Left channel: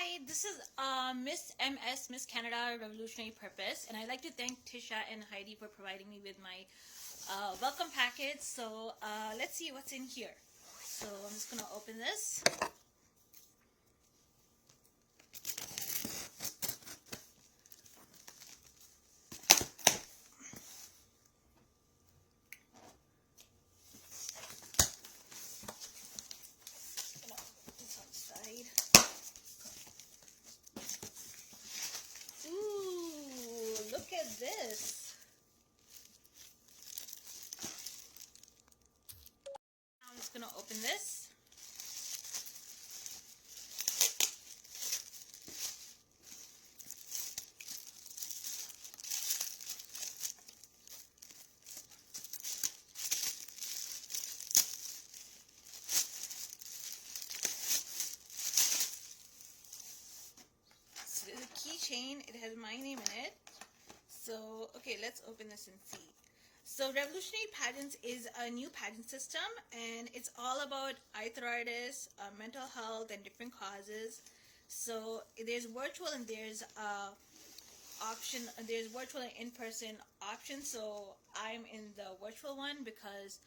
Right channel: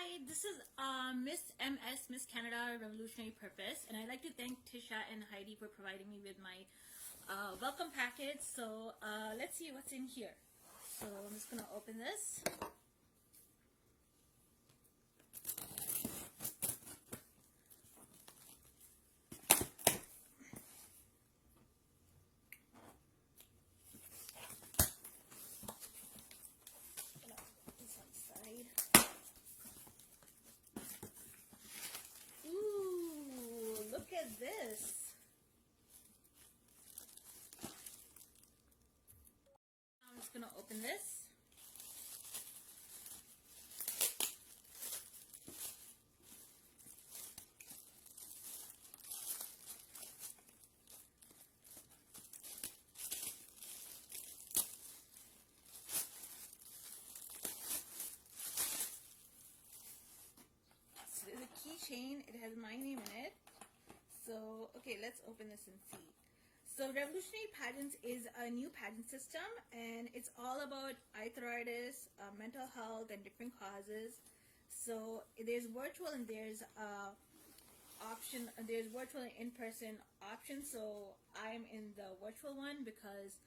Hi, this is Miss Canada Revolutionary Purpose, and I'd like to thank Tisha and Heidi for providing me with my welcome package. So let's see what's in here. So I'm just going to open this. Ooh, look at this. I'm just going to open this. There's a keychain. It has my name in it. So, okay, let's open this and see. So, Revolutionary Pageants is a new pageant system, and it's all about arthritis, mental health, and different causes. So, there's virtual and there's option. There's virtual and in-person options. So, I'm in the virtual one because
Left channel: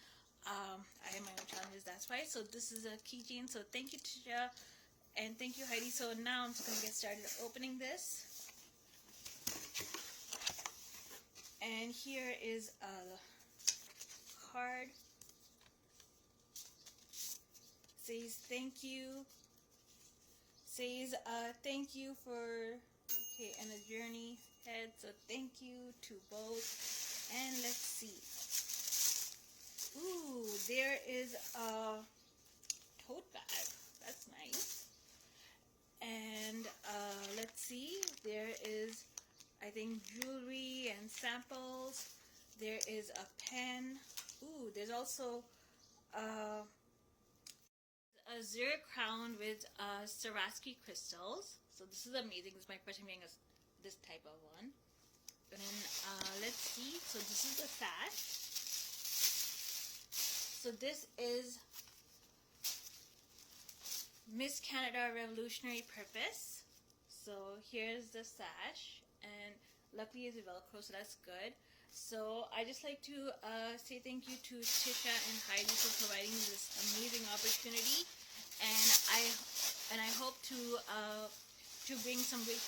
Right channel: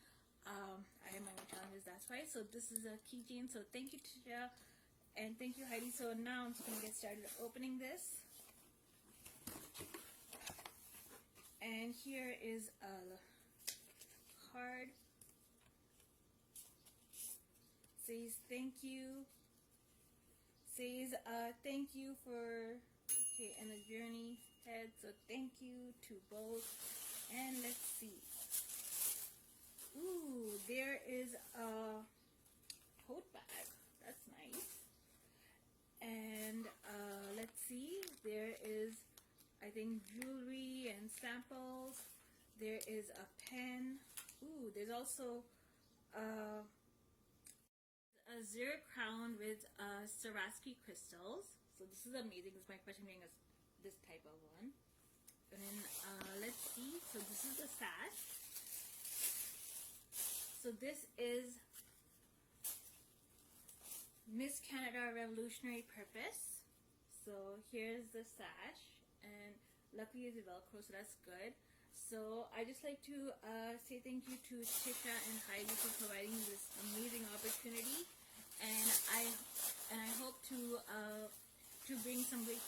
I have my own challenges. That's why. So, this is a keychain. So, thank you, Tisha. And thank you, Heidi. So now I'm just going to get started opening this. And here is a card. Says thank you. Says thank you for, okay, and a journey ahead. So thank you to both. And let's see. Ooh, there is a tote bag. That's nice. And let's see, there is, I think, jewelry and samples. There is a pen. Ooh, there's also a zero crown with Swarovski crystals. So this is amazing. This is my first time getting this type of one. And let's see. So this is the sash. So this is Miss Canada Revolutionary Purpose. So here's the sash, and luckily it's Velcro, so that's good. So I just like to say thank you to Tisha and Heidi for providing me this amazing opportunity, and I hope to bring some great